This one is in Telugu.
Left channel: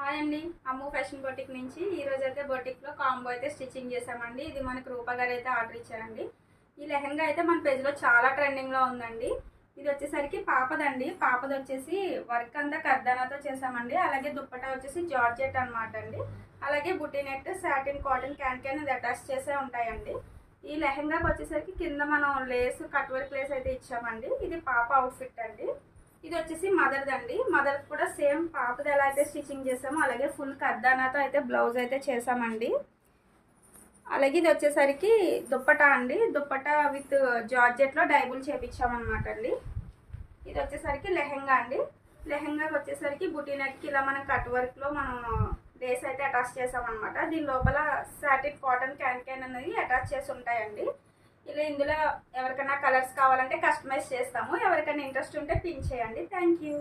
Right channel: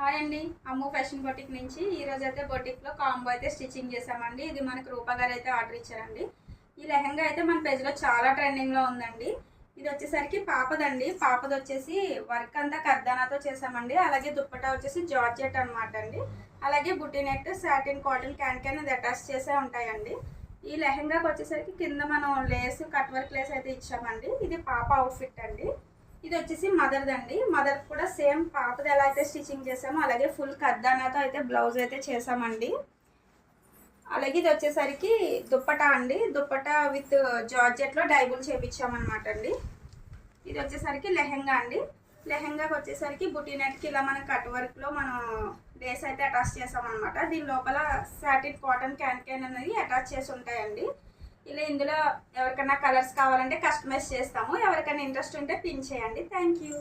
హాయ్ అండి, అమ్ము ఫ్యాషన్ బొటిక్ నుంచి ఈరోజు అయితే బొటిక్లో కాంబో అయితే స్టిచ్చింగ్ చేసామండి. ఇది మనకు రూపా గారు అయితే ఆర్డర్ ఇచ్చారండి. ఈ లెహంగా అయితే మన పేజ్లో చాలా ట్రెండింగ్లో ఉందండి. ఇది వచ్చేసరికి పాపదండి. పాపది వచ్చేసి వర్క్ అంతా కర్దానాతో చేసామండి. అలాగే దుప్పటా వచ్చేసి జార్జెట్ అనమాట అండి. అలాగే బుటీ నెట్, సాటిన్, కాటన్ క్యాన్ ఇది అటాచ్ చేసే ఉంటాయండి. ఈ లెహంగాకి వచ్చేసరికి కింద మనం లేస్, కట్ వర్క్ లేస్ అయితే ఇచ్చామండి. ఇది పాప అవుట్ఫిట్ అండి. ఇది వచ్చేసి మదర్దండి. మదర్ కూడా సేమ్ పాపది ఎలా అయితే స్టిచ్చింగ్ చేసామో అలాగే ఫుల్ కర్దానాతో అయితే బ్లౌజ్ అయితే చేసామండి. అలాగే ఇది వచ్చేసరికి దుప్పటా అండి. దుప్పటా విత్ జార్జెట్లో డైబుల్ చేపించామన్నమాట అండి. ఇది వచ్చేసరికి లెహంగా అండి. లెహంగాకి వచ్చేసరికి బుటీ నెట్కి ఇలా మనం కట్ వర్క్లో మనం లేస్ అయితే అటాచ్ చేసామన్నమాట. దీని లోపల సాటిన్, కాటన్ క్యాన్ అనేది అటాచ్ చేసి ఉంటాయండి. ఇలా ఇందులో ఎవరికైనా కలర్స్ కావాలంటే కస్టమైజ్ చేస్తాము. ఎవరికైనా ఇంట్రెస్ట్ ఉంటే పిన్ చేయండి. Thank you.